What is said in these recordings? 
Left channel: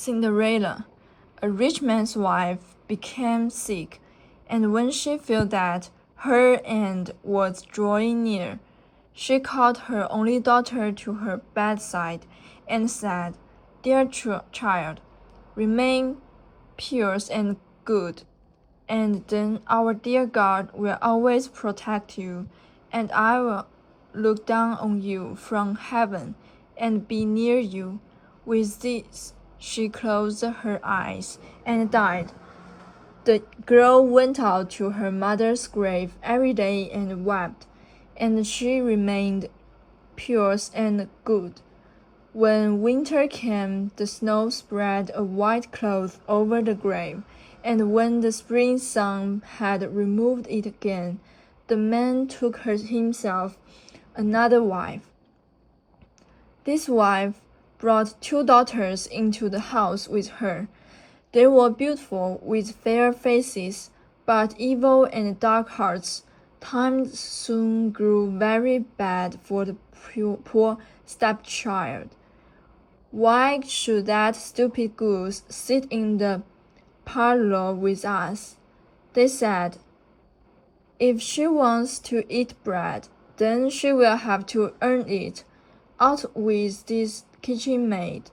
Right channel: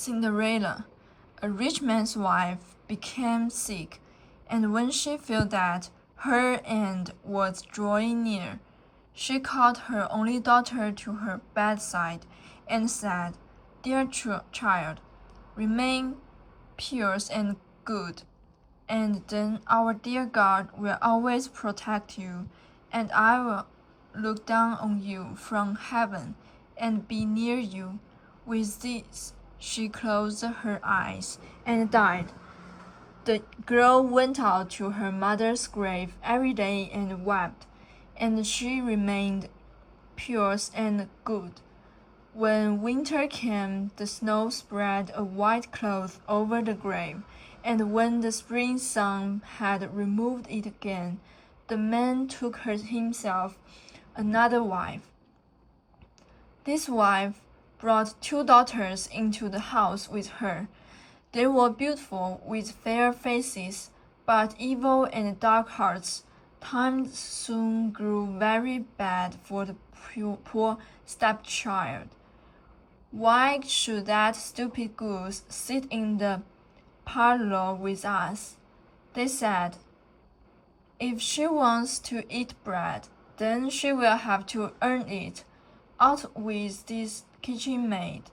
Cinderella, a rich man's wife, became sick, and when she felt that her end was drawing near, she called her only daughter to her bedside and said, "Dear child, remain pure and good, and then our dear God will always protect you, and I will look down on you from heaven and be near you." With this, she closed her eyes and died. The girl went out to her mother's grave every day and wept, and she remained pure and good. When winter came, the snow spread a white cloth over the grave, and when the spring sun had removed it again, the man took himself another wife. This wife brought two daughters into the house with her. They were beautiful, with fair faces, but evil and dark hearts. Times soon grew very bad for the poor stepchild. "Why should that stupid goose sit in the parlor with us?" they said. "If she wants to eat bread, then she will have to earn it. Out with this kitchen maid."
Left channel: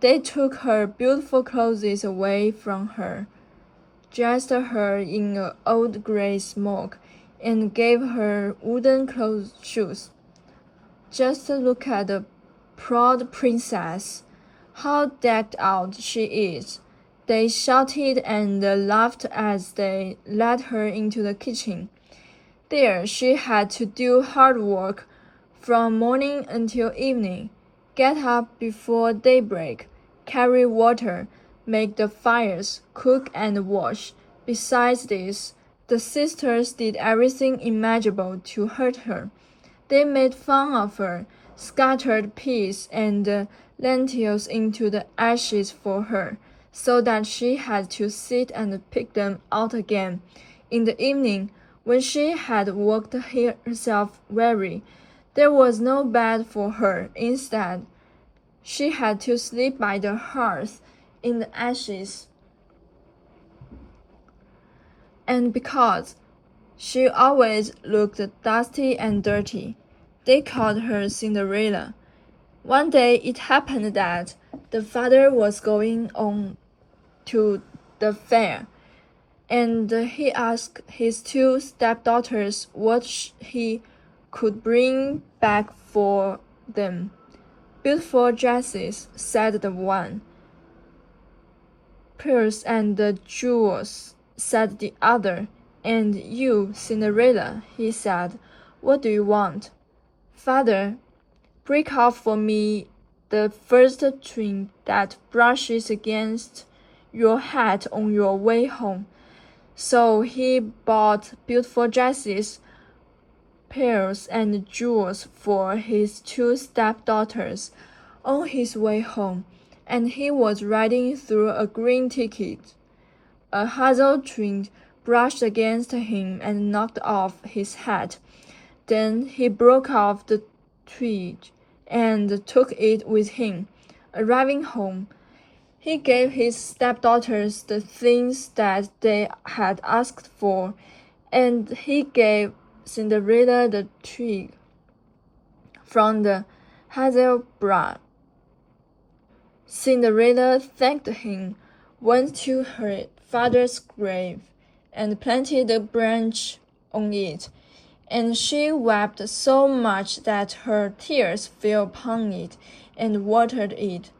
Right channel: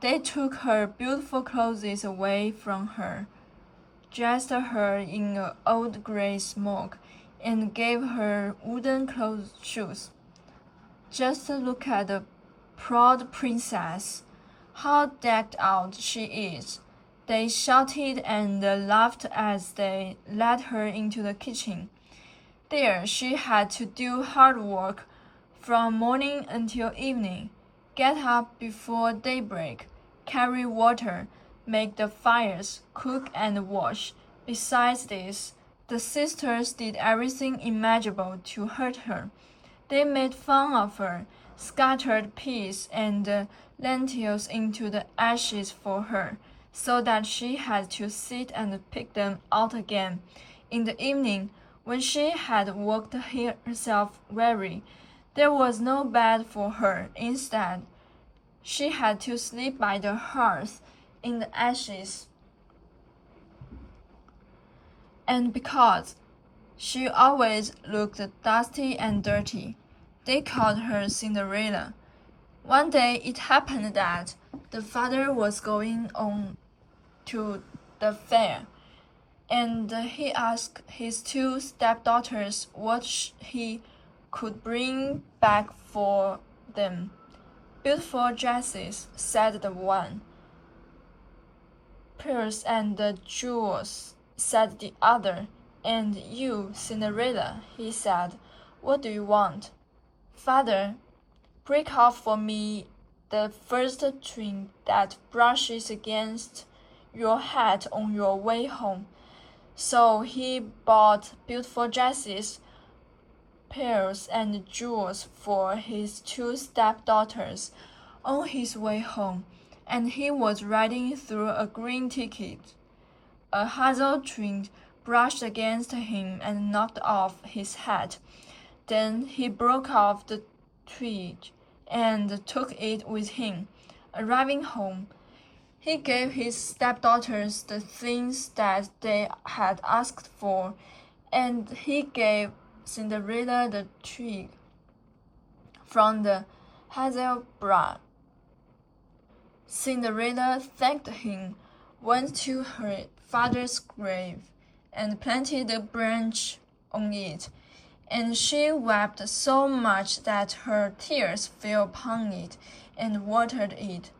They took her beautiful clothes away from her, dressed her in an old gray smock, and gave her wooden shoes. "Just look at the proud princess. How decked out she is!" they shouted and laughed as they led her into the kitchen. There she had to do hard work from morning until evening, get up before daybreak, carry water, make the fires, cook and wash. Besides this, the sisters did everything imaginable to hurt her. They made fun of her, scattered peas and lentils into the ashes for her, so that she had to sit and pick them out again. In the evening, when she had worked herself weary, there was no bed for her. Instead, she had to sleep by the hearth in the ashes. And because she always looked dusty and dirty, they called her Cinderella. One day it happened that the father was going on to the fair, and he asked his two stepdaughters what he could bring back for them. "Beautiful dresses," said the one. "Pearls and jewels," said the other. "And you, Cinderella," he said, "what do you want?" "Father, break off for me the first twig that brushes against your hat on your way home." So he bought beautiful dresses, pearls, and jewels for his two stepdaughters on his way home, and he was riding through a green thicket. A hazel twig brushed against him and knocked off his hat. Then he broke off the twig and took it with him. Arriving home, he gave his stepdaughters the things that they had asked for, and he gave Cinderella the twig from the hazel branch. Cinderella thanked him, went to her father's grave, and planted the branch on it, and she wept so much that her tears fell upon it and watered it.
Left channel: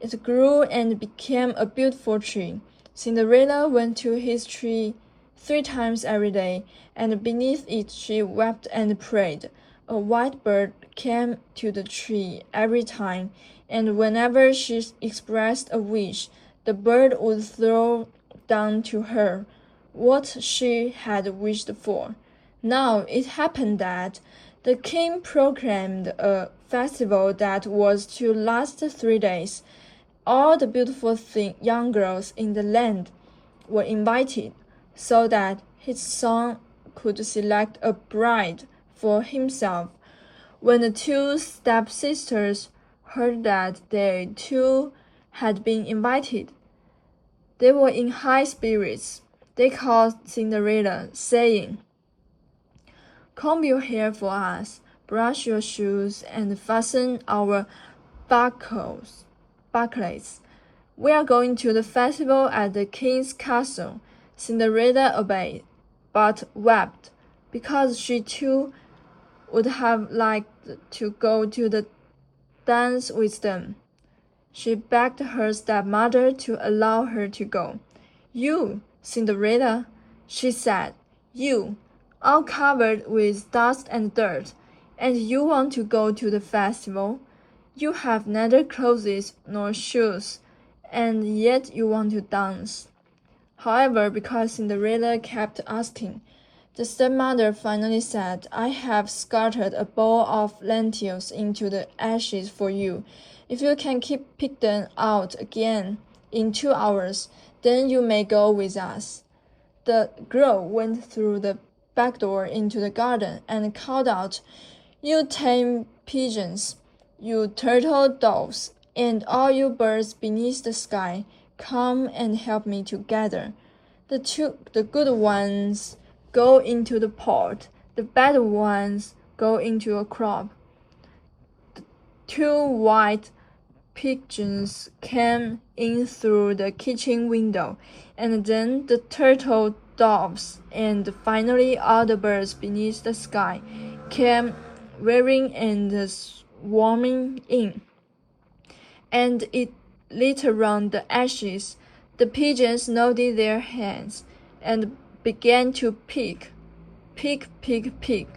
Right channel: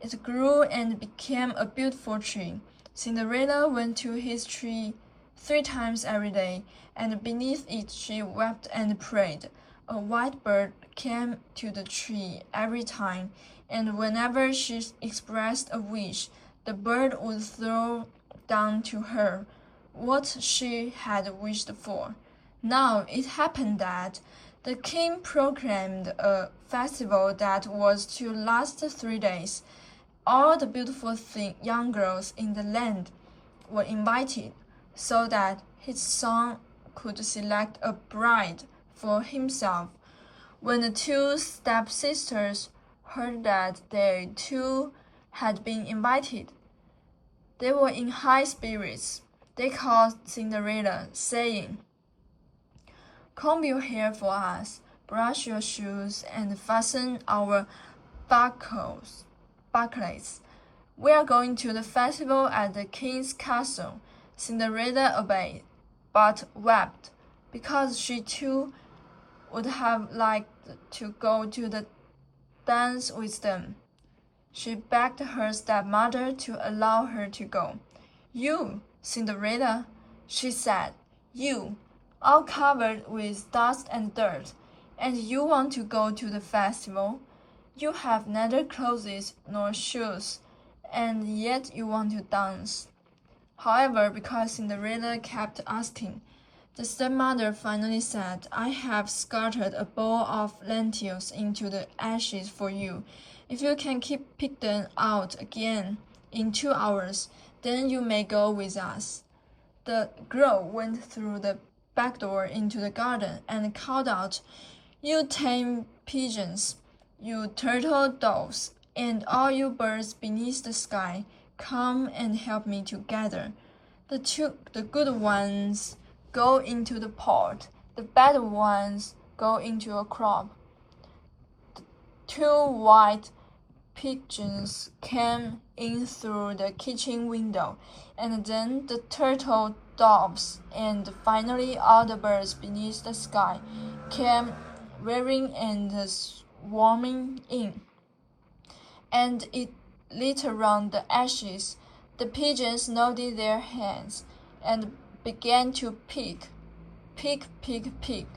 It grew and became a beautiful tree. Cinderella went to his tree 3 times every day, and beneath it she wept and prayed. A white bird came to the tree every time, and whenever she expressed a wish, the bird would throw down to her what she had wished for. Now it happened that the king proclaimed a festival that was to last 3 days. All the beautiful young girls in the land were invited, so that his son could select a bride for himself. When the two stepsisters heard that they too had been invited. They were in high spirits. They called Cinderella, saying, "Comb your hair for us, brush your shoes, and fasten our buckles. We are going to the festival at the king's castle." Cinderella obeyed, but wept, because she too would have liked to go to the dance with them. She begged her stepmother to allow her to go. "You, Cinderella," she said, "you, all covered with dust and dirt, and you want to go to the festival? You have neither clothes nor shoes, and yet you want to dance." However, because Cinderella kept asking, the stepmother finally said, "I have scattered a bowl of lentils into the ashes for you. If you can pick them out again in 2 hours, then you may go with us." The girl went through the back door into the garden and called out, "You tame pigeons, you turtle doves, and all you birds beneath the sky, come and help me to gather. The good ones go into the pot, the bad ones go into a crop." Two white pigeons came in through the kitchen window, and then the turtle doves, and finally all the birds beneath the sky came whirring and swarming in, and it lit around the ashes. The pigeons nodded their heads and began to pick, pick, pick, pick,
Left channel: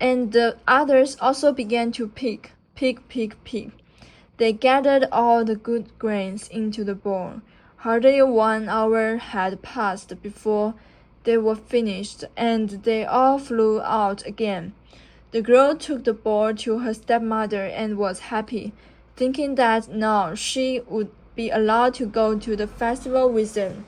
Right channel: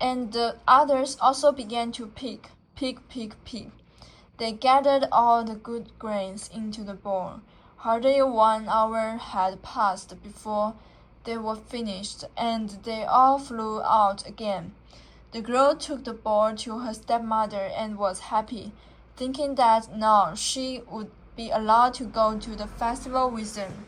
and the others also began to pick, pick, pick, pick. They gathered all the good grains into the bowl. Hardly 1 hour had passed before they were finished, and they all flew out again. The girl took the bowl to her stepmother and was happy, thinking that now she would be allowed to go to the festival with them.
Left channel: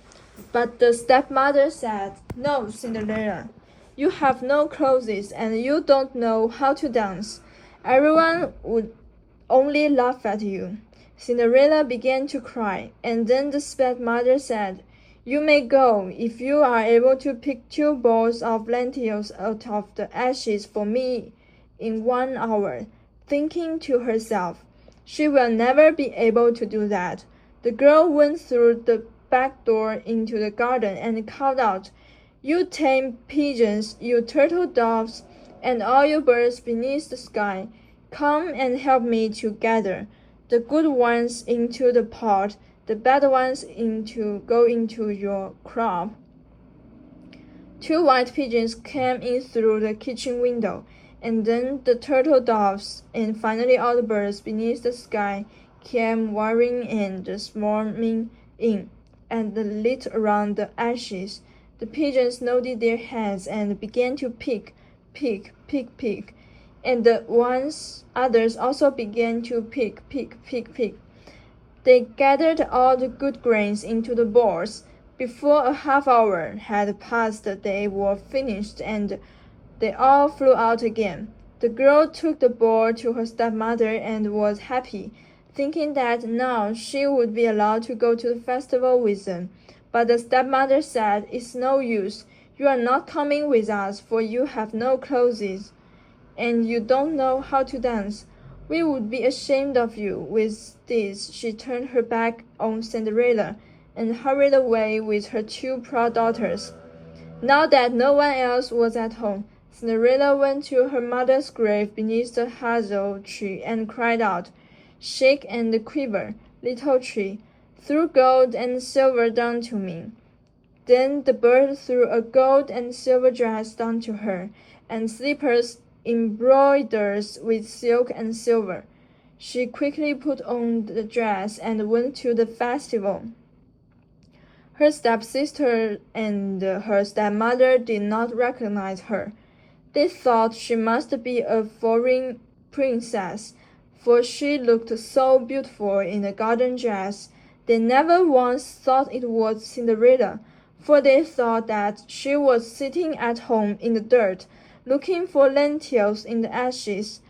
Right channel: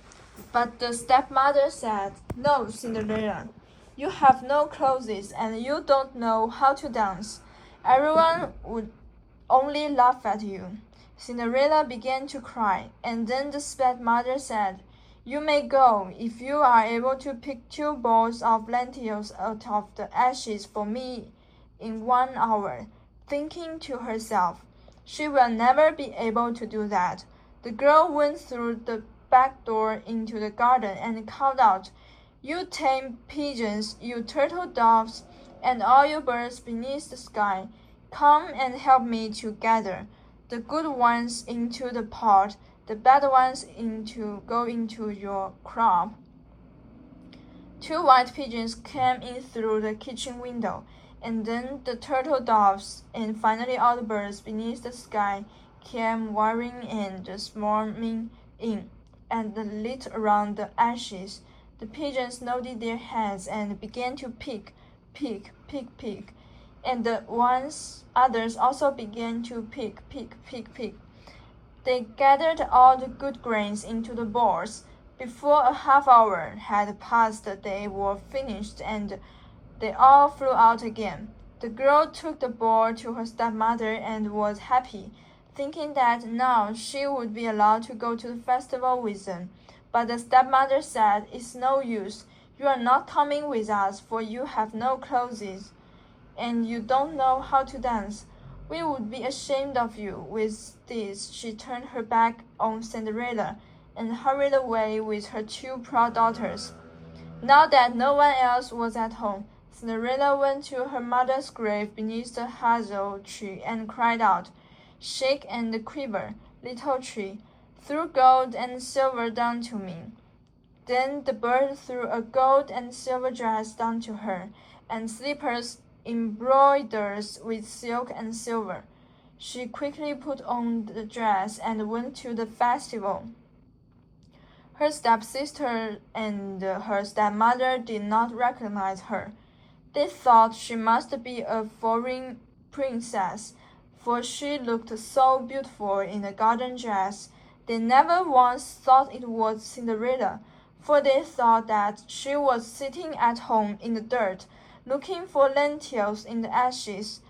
But the stepmother said, "No, Cinderella, you have no clothes and you don't know how to dance. Everyone would only laugh at you." Cinderella began to cry, and then the stepmother said, "You may go if you are able to pick 2 bowls of lentils out of the ashes for me in 1 hour." Thinking to herself, "She will never be able to do that," the girl went through the back door into the garden and called out, "You tame pigeons, you turtle doves, and all you birds beneath the sky, come and help me to gather the good ones into the pot, the bad ones go into your crop." 2 white pigeons came in through the kitchen window, and then the turtle doves, and finally all the birds beneath the sky came whirring and swarming in, and lit around the ashes. The pigeons nodded their heads and began to pick, pick, pick, pick, and the others also began to pick, pick, pick, pick. They gathered all the good grains into the bowls. Before a half hour had passed, they were finished, and they all flew out again. The girl took the bowl to her stepmother and was happy, thinking that now she would be allowed to go to the festival with them. But the stepmother said, "It's no use. You are not coming with us, for you have no clothes, and you don't know how to dance. We would be ashamed of you." With this, she turned her back on Cinderella and hurried away with her 2 proud daughters. Now that no one else was at home, Cinderella went to her mother's grave beneath the hazel tree and cried out, "Shake and quiver, little tree, throw gold and silver down to me." Then the bird threw a gold and silver dress down to her, and slippers embroidered with silk and silver. She quickly put on the dress and went to the festival. Her stepsister and her stepmother did not recognize her. They thought she must be a foreign princess, for she looked so beautiful in a garden dress. They never once thought it was Cinderella, for they thought that she was sitting at home in the dirt, looking for lentils in the ashes.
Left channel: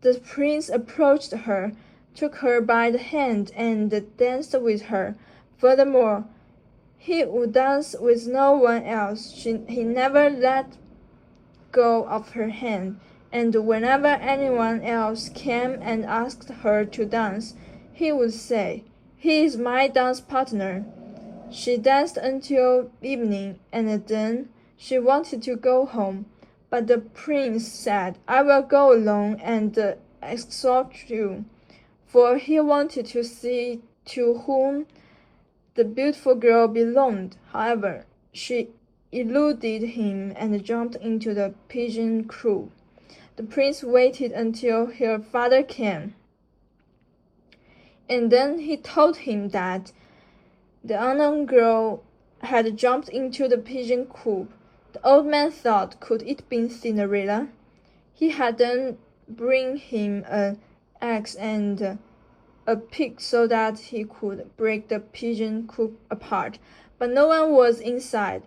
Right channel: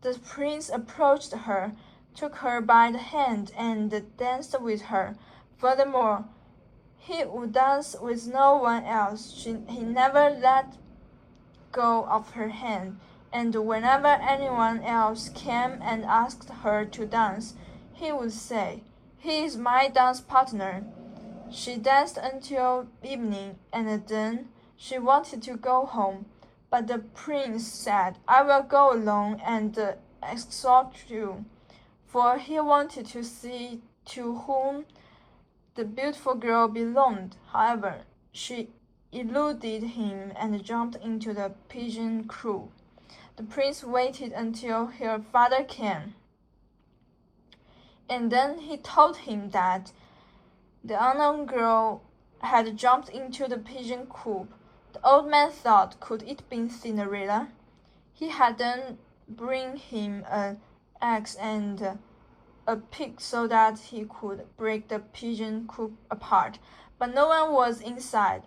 The prince approached her, took her by the hand, and danced with her. Furthermore, he would dance with no one else. He never let go of her hand, and whenever anyone else came and asked her to dance, he would say, "He is my dance partner." She danced until evening, and then she wanted to go home. But the prince said, "I will go alone and escort you," for he wanted to see to whom the beautiful girl belonged. However, she eluded him and jumped into the pigeon coop. The prince waited until her father came, and then he told him that the unknown girl had jumped into the pigeon coop. The old man thought, could it be Cinderella? He had then bring him an axe and a pick so that he could break the pigeon coop apart, but no one was inside.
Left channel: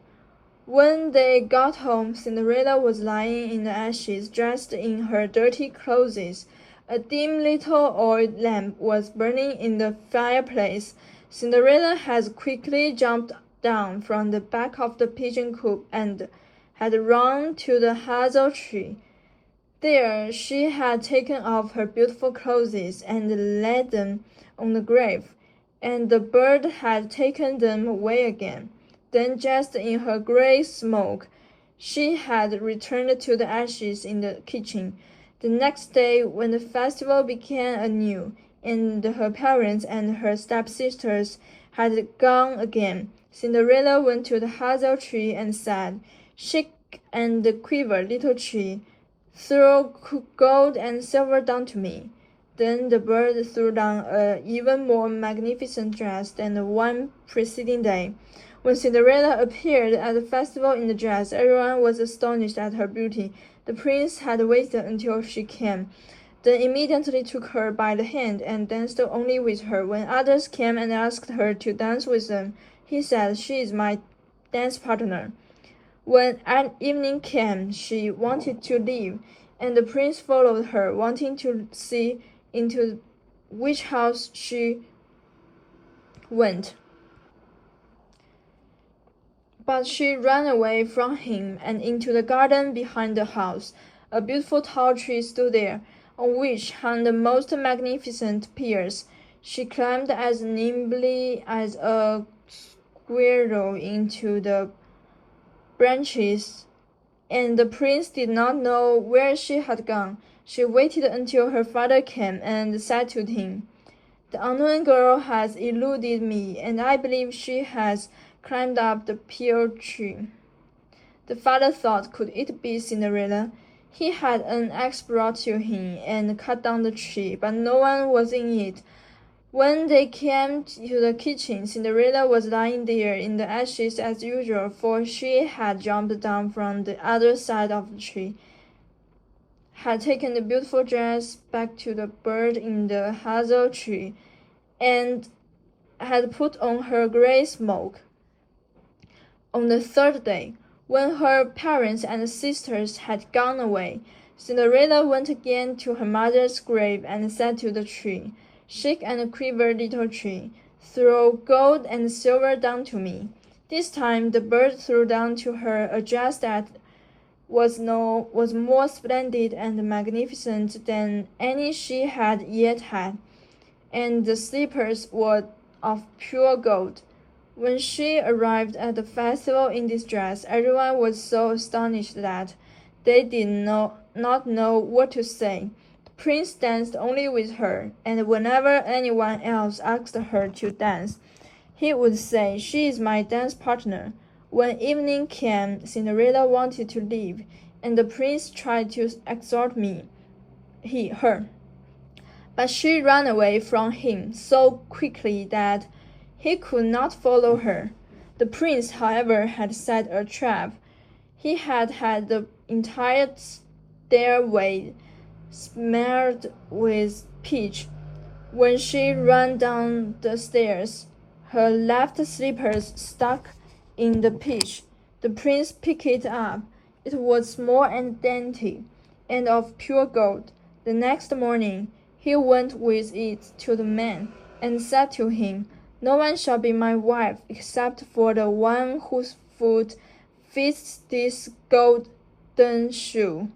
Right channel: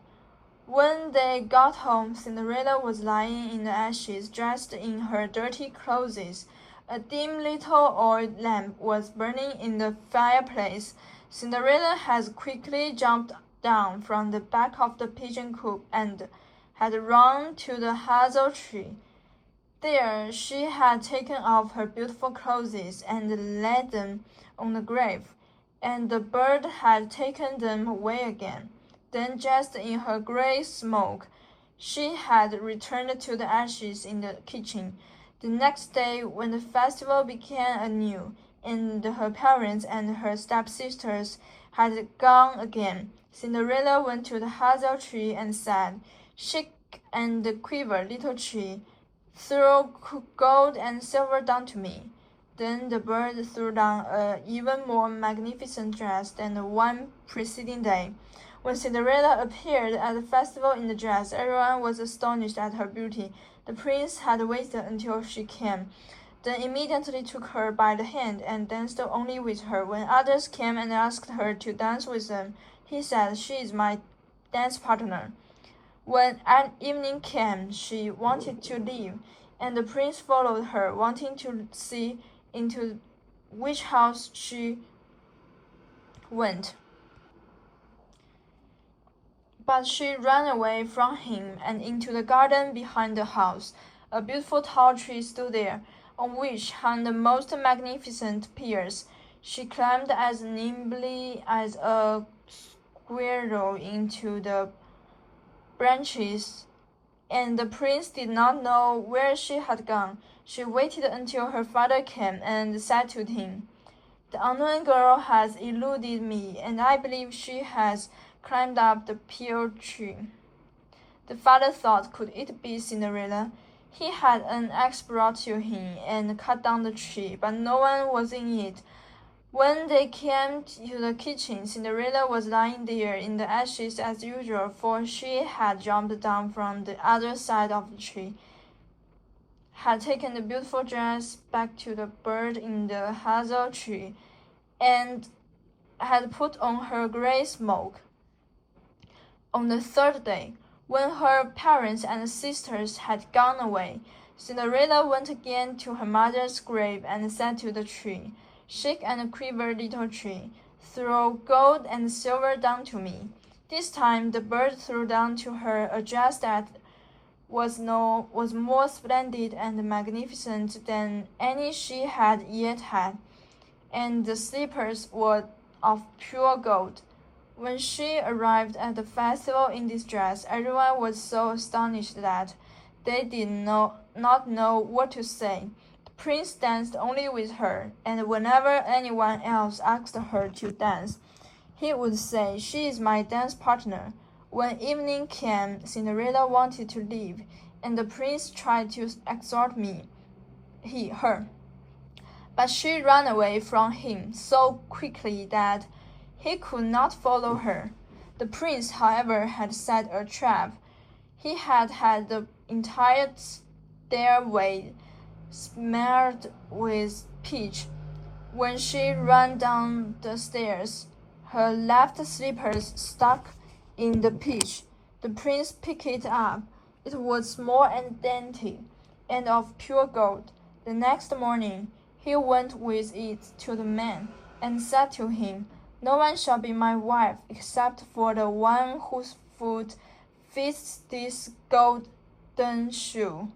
When they got home, Cinderella was lying in the ashes, dressed in her dirty clothes. A dim little oil lamp was burning in the fireplace. Cinderella had quickly jumped down from the back of the pigeon coop and had run to the hazel tree. There she had taken off her beautiful clothes and laid them on the grave, and the bird had taken them away again. Then, dressed in her grey smock, she had returned to the ashes in the kitchen. The next day, when the festival began anew, and her parents and her stepsisters had gone again, Cinderella went to the hazel tree and said, "Shake and quiver, little tree. Throw gold and silver down to me." Then the bird threw down an even more magnificent dress than the one preceding day. When Cinderella appeared at the festival in the dress, everyone was astonished at her beauty. The prince had waited until she came, then immediately took her by the hand and danced only with her. When others came and asked her to dance with them, he said, "She is my dance partner." When evening came, she wanted to leave, and the prince followed her, wanting to see into which house she went. But she ran away from him and into the garden behind the house. A beautiful tall tree stood there, on which hung the most magnificent pears. She climbed as nimbly as a squirrel into the branches, and the prince did not know where she had gone. She waited until her father came and said to him, "The unknown girl has eluded me, and I believe she has climbed up the pear tree." The father thought, could it be Cinderella? He had an axe brought to him and cut down the tree, but no one was in it. When they came to the kitchen, Cinderella was lying there in the ashes as usual, for she had jumped down from the other side of the tree, had taken the beautiful dress back to the bird in the hazel tree, and had put on her grey smock. On the third day, when her parents and sisters had gone away, Cinderella went again to her mother's grave and said to the tree, "Shake and quiver, little tree. Throw gold and silver down to me." This time the bird threw down to her a dress that was more splendid and magnificent than any she had yet had, and the slippers were of pure gold. When she arrived at the festival in this dress, everyone was so astonished that they did not know what to say. The prince danced only with her, and whenever anyone else asked her to dance, he would say, "She is my dance partner." When evening came, Cinderella wanted to leave, and the prince tried to exhort her. But she ran away from him so quickly that he could not follow her. The prince, however, had set a trap. He had had the entire stairway smeared with peach. When she ran down the stairs, her left slippers stuck in the peach. The prince picked it up. It was small and dainty, and of pure gold. The next morning, He went with it to the man, and said to him, "No one shall be my wife except for the one whose foot fits this golden shoe."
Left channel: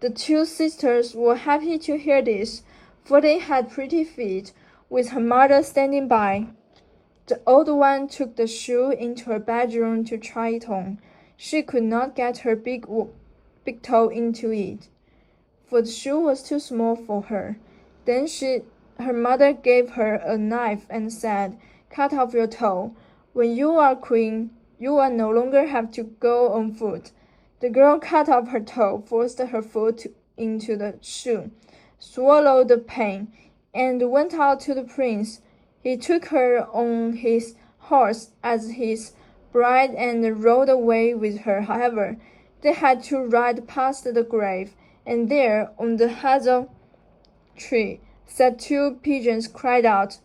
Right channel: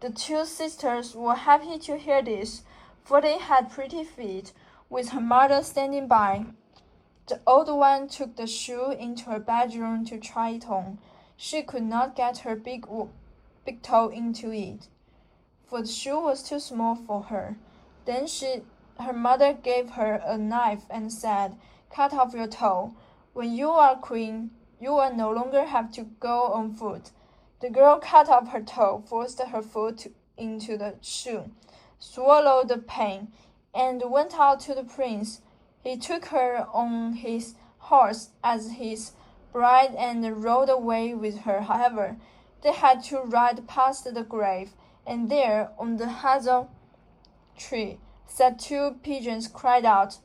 The two sisters were happy to hear this, for they had pretty feet, with her mother standing by. The old one took the shoe into her bedroom to try it on. She could not get her big toe into it, for the shoe was too small for her. Then her mother gave her a knife and said, "Cut off your toe. When you are queen, you will no longer have to go on foot." The girl cut off her toe, forced her foot into the shoe, swallowed the pain, and went out to the prince. He took her on his horse as his bride and rode away with her. However, they had to ride past the grave, and there, on the hazel tree, sat two pigeons, cried out,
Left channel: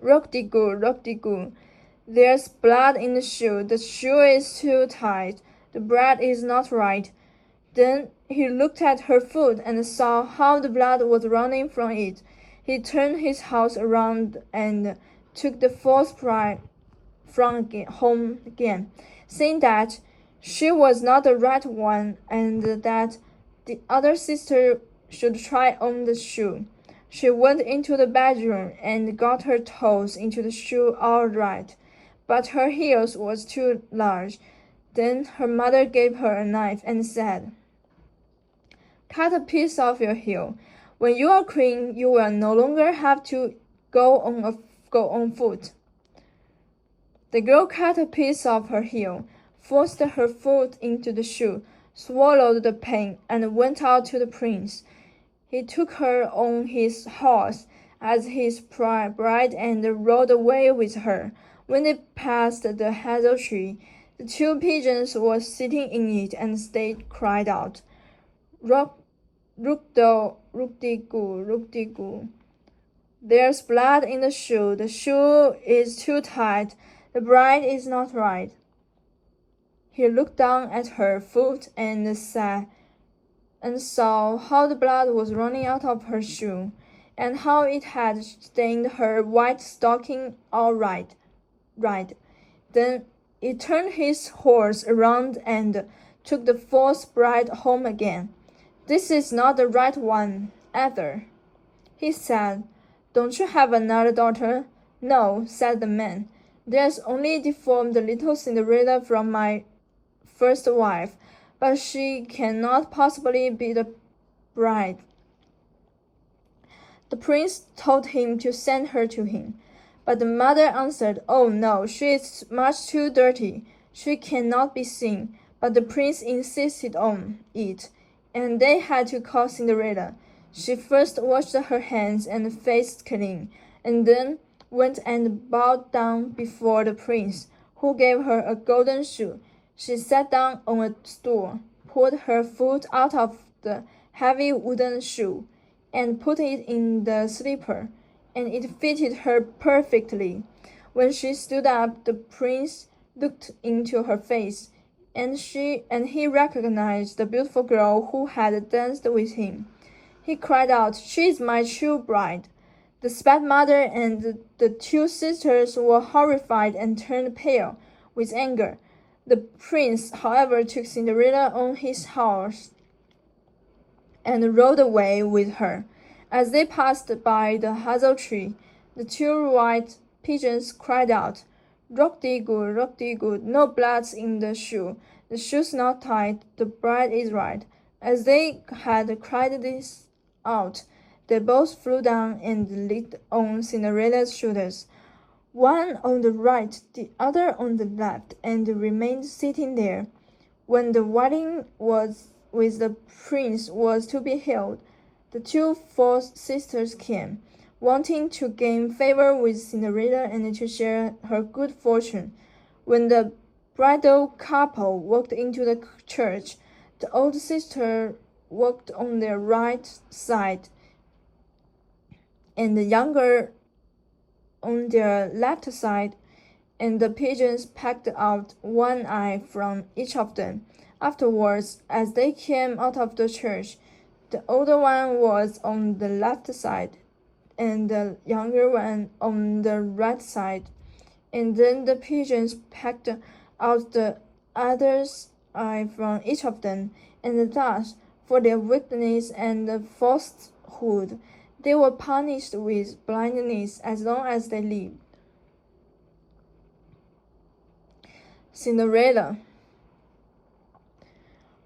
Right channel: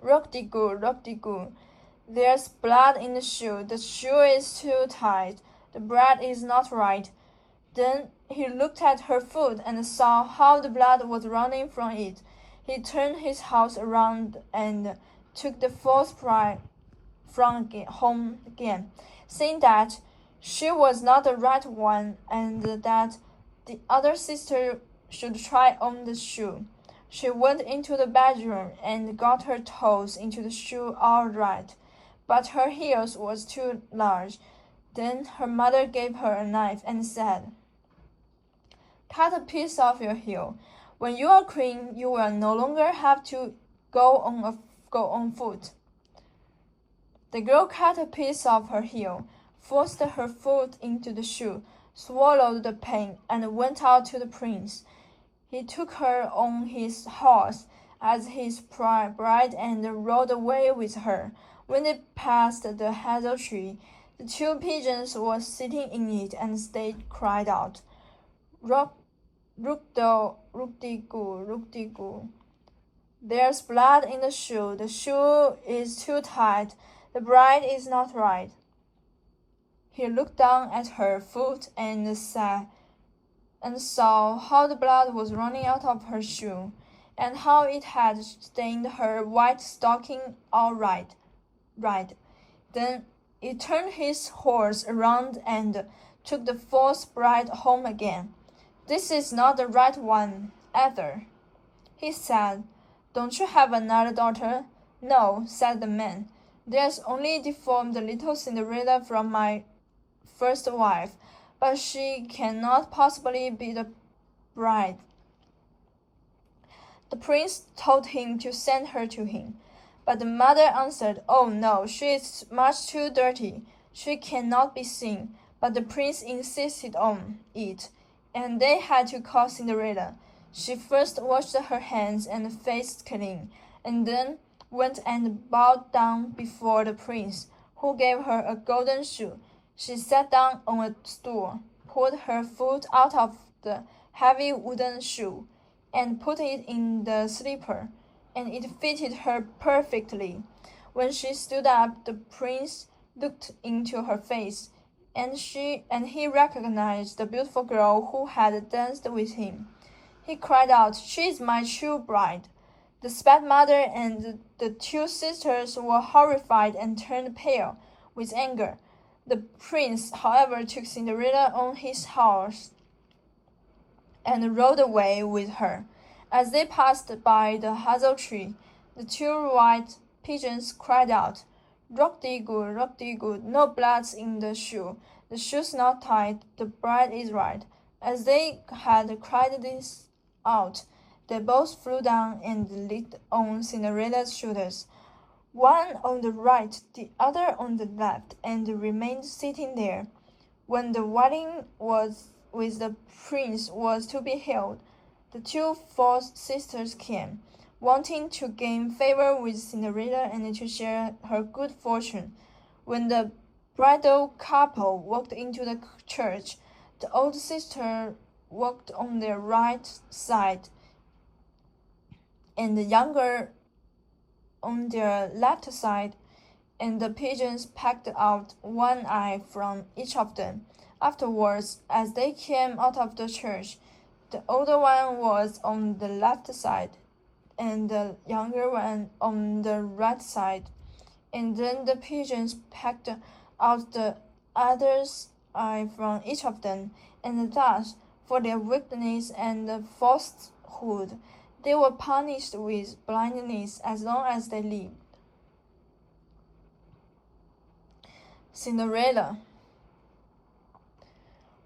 "Rock-de-goo, rock-de-goo. There's blood in the shoe. The shoe is too tight. The bread is not right." Then he looked at her foot and saw how the blood was running from it. He turned his house around and took the false bride from home again, saying that she was not the right one and that the other sister should try on the shoe. She went into the bedroom and got her toes into the shoe all right, but her heels was too large. Then her mother gave her a knife and said, "Cut a piece off your heel. When you are queen, you will no longer have to go on foot." The girl cut a piece off her heel, forced her foot into the shoe, swallowed the pain, and went out to the prince. He took her on his horse as his bride and rode away with her. When they passed the hazel tree, the two pigeons were sitting in it, and they cried out, "Rook-de-goo, rook-de-goo. There's blood in the shoe. The shoe is too tight. The bride is not right." He looked down at her foot and saw how the blood was running out of her shoe, and how it had stained her white stocking all right. Then he turned his horse around and took the false bride home again. "This is not the right one, either," he said. "Don't you have another daughter?" "No," said the man. "There's only deformed little Cinderella from my first wife, but she cannot possibly be the bride." The prince told him to send her to him, but the mother answered, "Oh no, she is much too dirty. She cannot be seen." But the prince insisted on it, and they had to call Cinderella. She first washed her hands and face clean, and then went and bowed down before the prince, who gave her a golden shoe. She sat down on a stool, pulled her foot out of the heavy wooden shoe, and put it in the slipper, and it fitted her perfectly. When she stood up, the prince looked into her face, and he recognized the beautiful girl who had danced with him. He cried out, "She is my true bride." The stepmother and the two sisters were horrified and turned pale with anger. The prince, however, took Cinderella on his horse and rode away with her. As they passed by the hazel tree, the two white pigeons cried out, "Rock-de-goo, rock-de-goo, no blood in the shoe. The shoe's not tight, the bride is right." As they had cried this out, they both flew down and lit on Cinderella's shoulders, one on the right, the other on the left, and remained sitting there. When the wedding with the prince was to be held, the two false sisters came, wanting to gain favor with Cinderella and to share her good fortune. When the bridal couple walked into the church, the old sister walked on their right side, and the younger on their left side, and the pigeons pecked out one eye from each of them. Afterwards, as they came out of the church, The older one was on the left side, and the younger one on the right side. And then the pigeons pecked out the other's eye from each of them, and thus, for their weakness and falsehood, they were punished with blindness as long as they lived. Cinderella.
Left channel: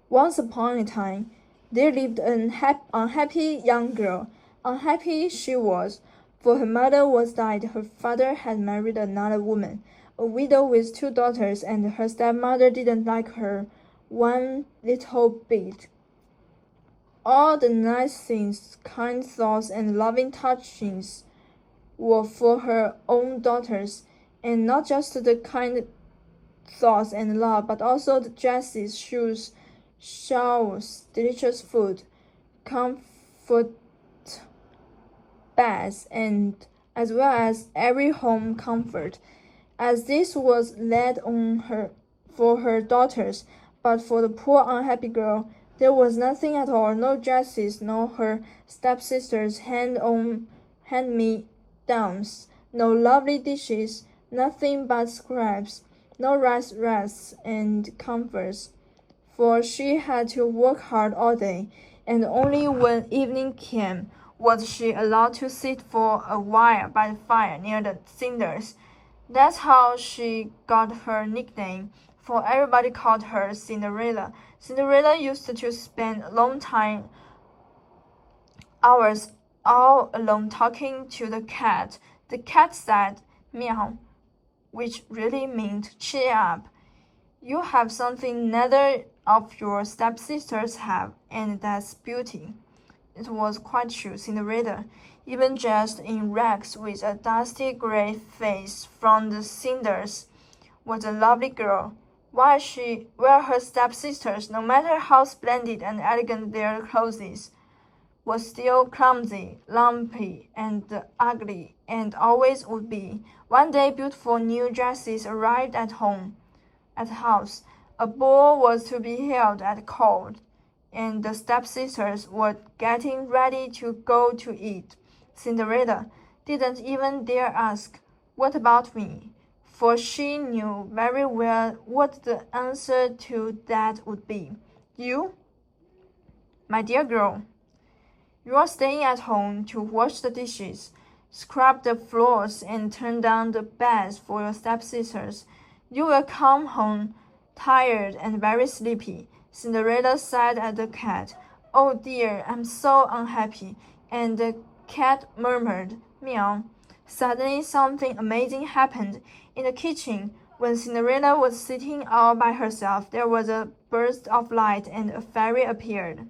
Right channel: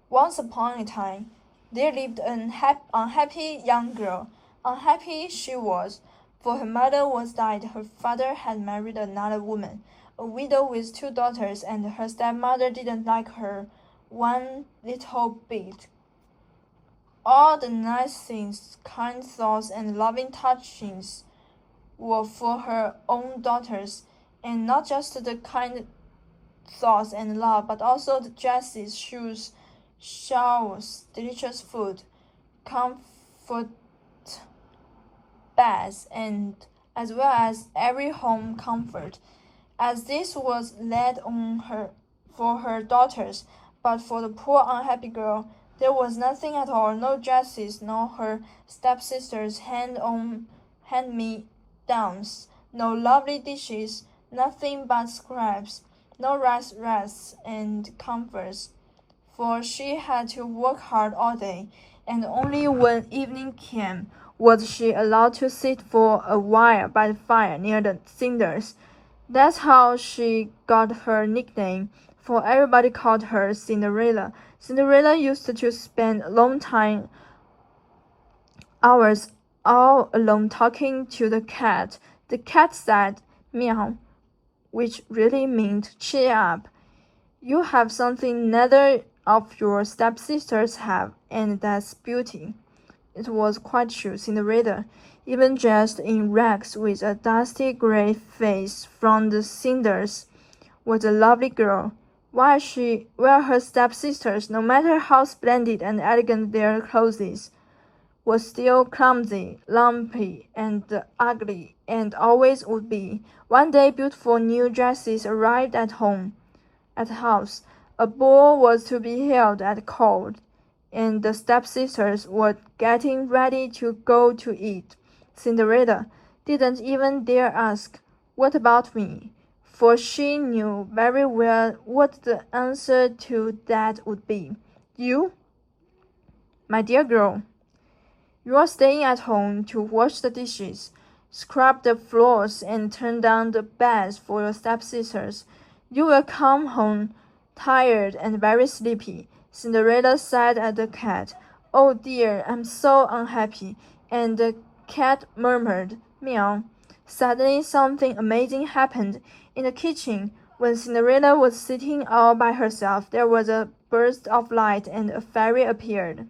Once upon a time, there lived an unhappy young girl. Unhappy she was, for her mother was died, her father had married another woman, a widow with 2 daughters, and her stepmother didn't like her one little bit. All the nice things, kind thoughts, and loving touchings were for her own daughters, and not just the kind thoughts and love, but also the dresses, shoes, showers, delicious food, comfort beds, and as well as every home comfort. As this was laid on her for her daughters, but for the poor unhappy girl, there was nothing at all, no dresses, nor her stepsisters' hand-me-downs, no lovely dishes, nothing but scraps, no rests and comforts, for she had to work hard all day, and only when evening came was she allowed to sit for a while by the fire near the cinders. That's how she got her nickname, for everybody called her Cinderella. Cinderella used to spend long hours all alone talking to the cat. The cat said, "Meow," which really meant cheer up. You have something neither of your stepsisters have, and that's beauty. It was quite true. Cinderella, even dressed in rags with a dusty gray face from the cinders, was a lovely girl, while her stepsisters, no matter how splendid and elegant their clothes, were still clumsy, lumpy, and ugly, and always would be. One day beautiful new dresses arrived at the house. A ball was to be held at court, and the stepsisters were getting ready to go to it. Cinderella didn't even dare ask, "What about me?" for she knew very well what the answer to that would be. "You, my dear girl, you're staying at home to wash the dishes, scrub the floors, and turn down the beds for your stepsisters. You will come home tired and very sleepy." Cinderella sighed at the cat. "Oh dear, I'm so unhappy." And the cat murmured, "Meow." Suddenly something amazing happened. In the kitchen, when Cinderella was sitting all by herself, there was a burst of light and a fairy appeared.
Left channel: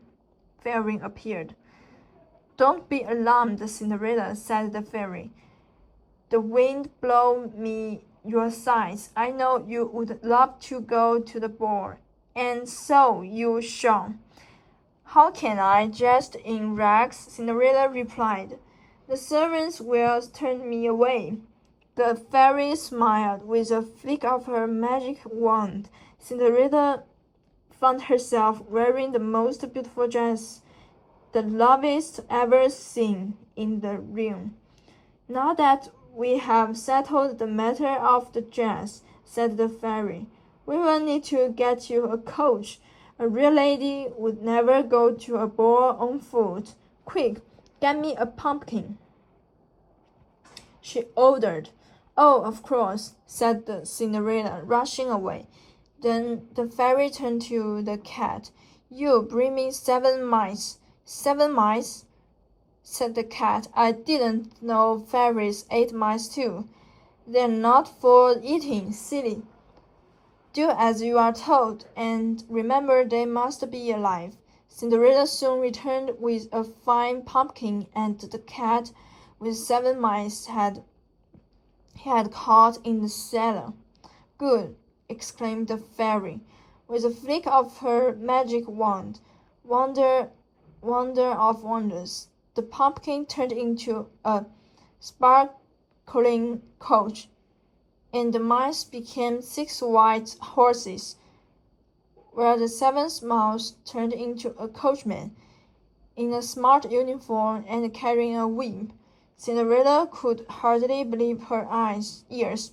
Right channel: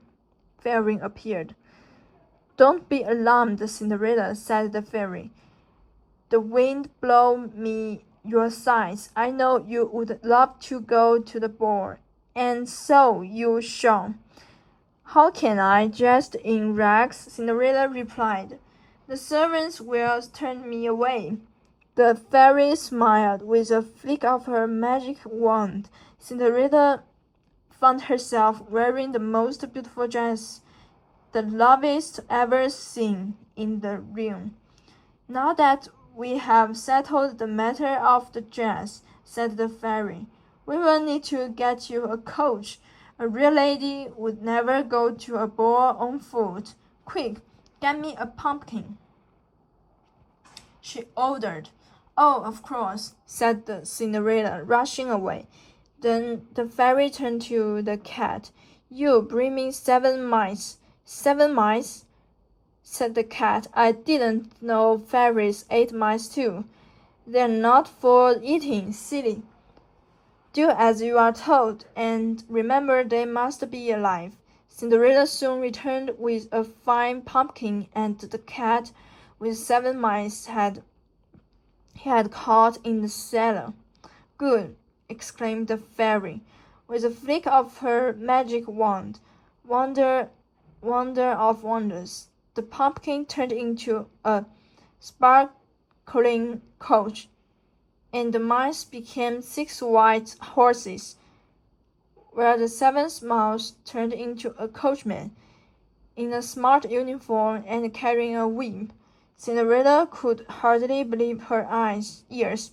"Don't be alarmed, Cinderella," said the fairy. "The wind blow me your sighs. I know you would love to go to the ball, and so you shall." "How can I, dressed in rags?" Cinderella replied. "The servants will turn me away." The fairy smiled. With a flick of her magic wand, Cinderella found herself wearing the most beautiful dress, the loveliest ever seen in the realm. "Now that we have settled the matter of the dress," said the fairy, "we will need to get you a coach. A real lady would never go to a ball on foot. Quick, get me a pumpkin," she ordered. "Oh, of course," said the Cinderella, rushing away. Then the fairy turned to the cat. "You bring me 7 mice." "7 mice?" said the cat. "I didn't know fairies ate mice too." "They're not for eating, silly. Do as you are told, and remember they must be alive." Cinderella soon returned with a fine pumpkin, and the cat with 7 mice he had caught in the cellar. "Good!" exclaimed the fairy. With a flick of her magic wand, wonder of wonders, the pumpkin turned into a sparkling coach, and the mice became 6 white horses, while the 7th mouse turned into a coachman. in a smart uniform and carrying a whip. Cinderella could hardly believe her ears.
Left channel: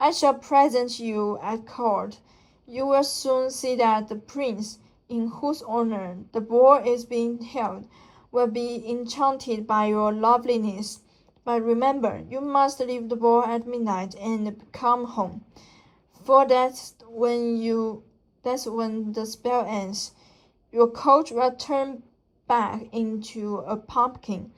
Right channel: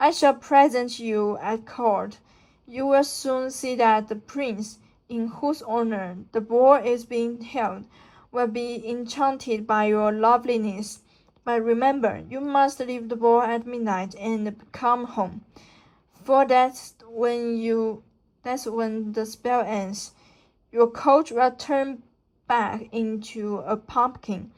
I shall present you at court. You will soon see that the prince, in whose honor the ball is being held, will be enchanted by your loveliness. But remember, you must leave the ball at midnight and come home, for that's when the spell ends. Your coach will turn back into a pumpkin.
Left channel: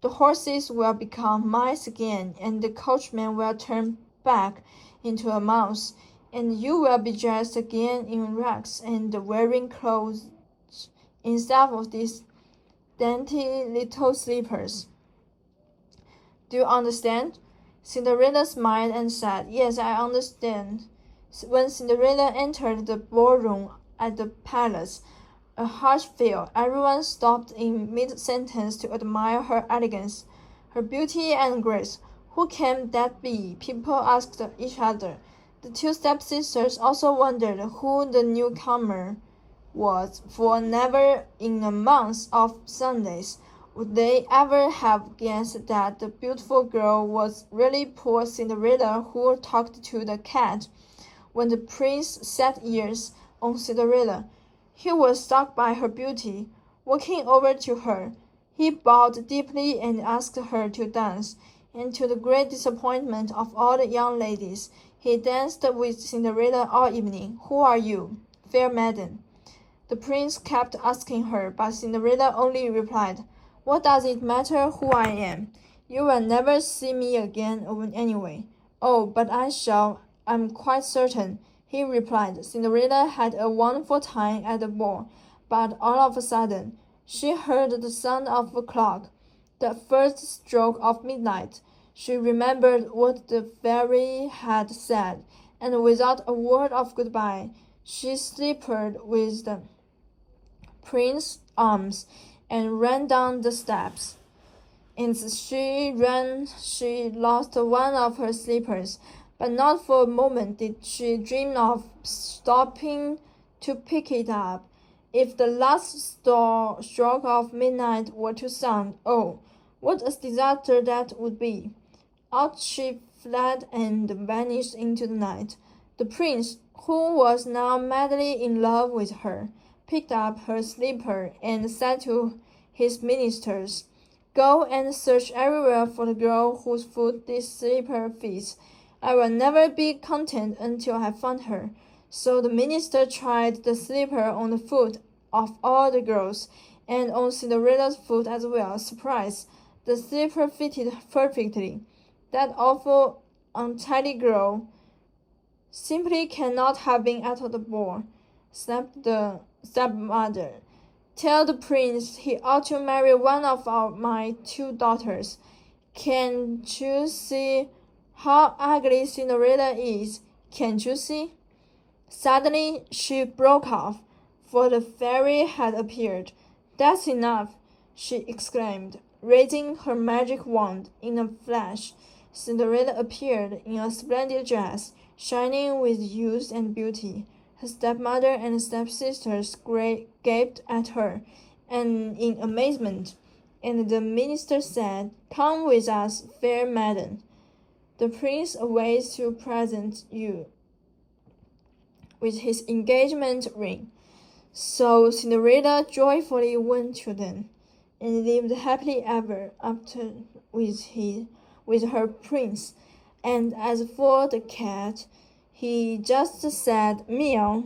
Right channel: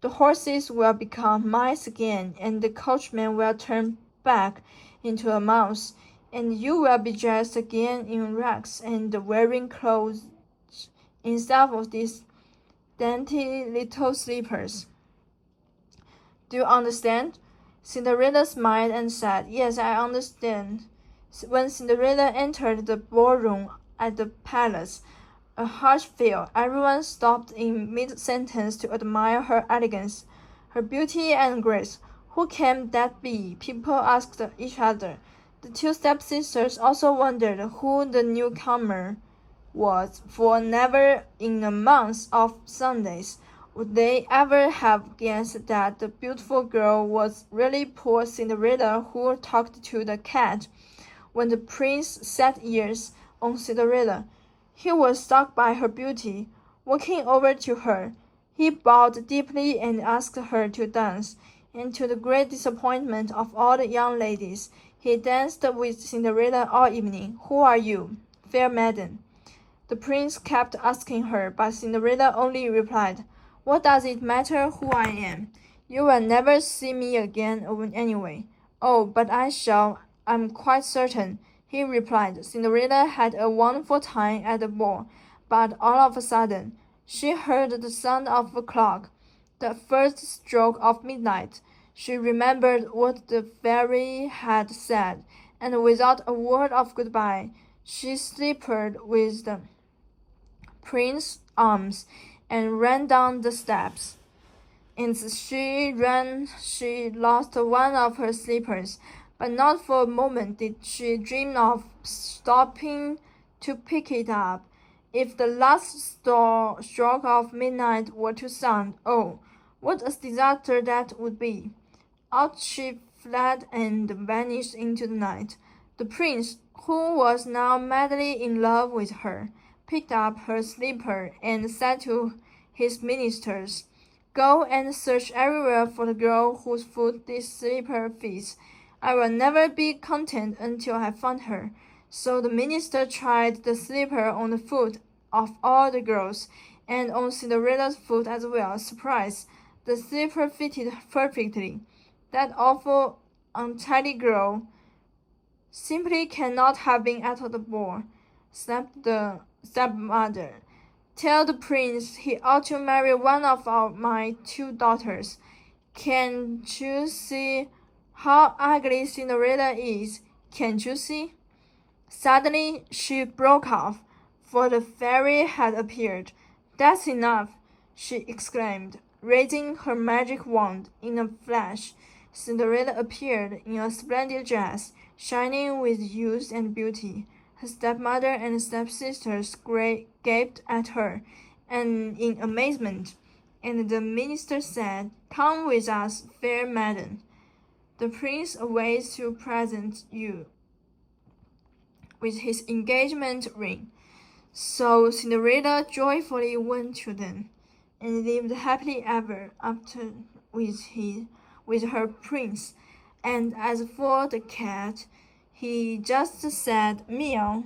The horses will become mice again, and the coachman will turn back into a mouse, and you will be dressed again in rags and wearing clothes instead of these dainty little slippers. Do you understand? Cinderella smiled and said, Yes, I understand. When Cinderella entered the ballroom at the palace, a hush fell. Everyone stopped in mid-sentence to admire her elegance, her beauty and grace. Who can that be? People asked each other. The two stepsisters also wondered who the newcomer was, for never in a month of Sundays would they ever have guessed that the beautiful girl was really poor Cinderella who talked to the cat. When the prince set ears on Cinderella, he was struck by her beauty. Walking over to her, he bowed deeply and asked her to dance, and to the great disappointment of all the young ladies, he danced with Cinderella all evening. Who are you, fair maiden? The prince kept asking her, but Cinderella only replied, What does it matter who I am? You will never see me again anyway. Oh, but I shall, I'm quite certain, he replied. Cinderella had a wonderful time at the ball, but all of a sudden, she heard the sound of a clock, the first stroke of midnight. She remembered what the fairy had said, and without a word of goodbye, she slipped with the prince's arms and ran down the steps. As she ran, she lost one of her slippers, but not for a moment did she dream of stopping to pick it up. If the last stroke of midnight were to sound, oh, what a disaster that would be! Out she fled and vanished into the night. The prince, who was now madly in love with her, picked up her slipper and said to his ministers, Go and search everywhere for the girl whose foot this slipper fits. I will never be content until I have found her. So the minister tried the slipper on the foot of all the girls, and on Cinderella's foot as well. Surprise! The slipper fitted perfectly. That awful, untidy girl simply cannot have been at the ball, snapped the stepmother. Tell the prince he ought to marry one of my two daughters. Can't you see how ugly Cinderella is? Can't you see? Suddenly she broke off, for the fairy had appeared. That's enough, she exclaimed, raising her magic wand. In a flash, Cinderella appeared in a splendid dress, shining with youth and beauty. Her stepmother and stepsisters gaped at her and in amazement, and the minister said, Come with us, fair maiden. The prince awaits to present you with his engagement ring. So Cinderella joyfully went to them, and lived happily ever after with her prince. And as for the cat, he just said meow.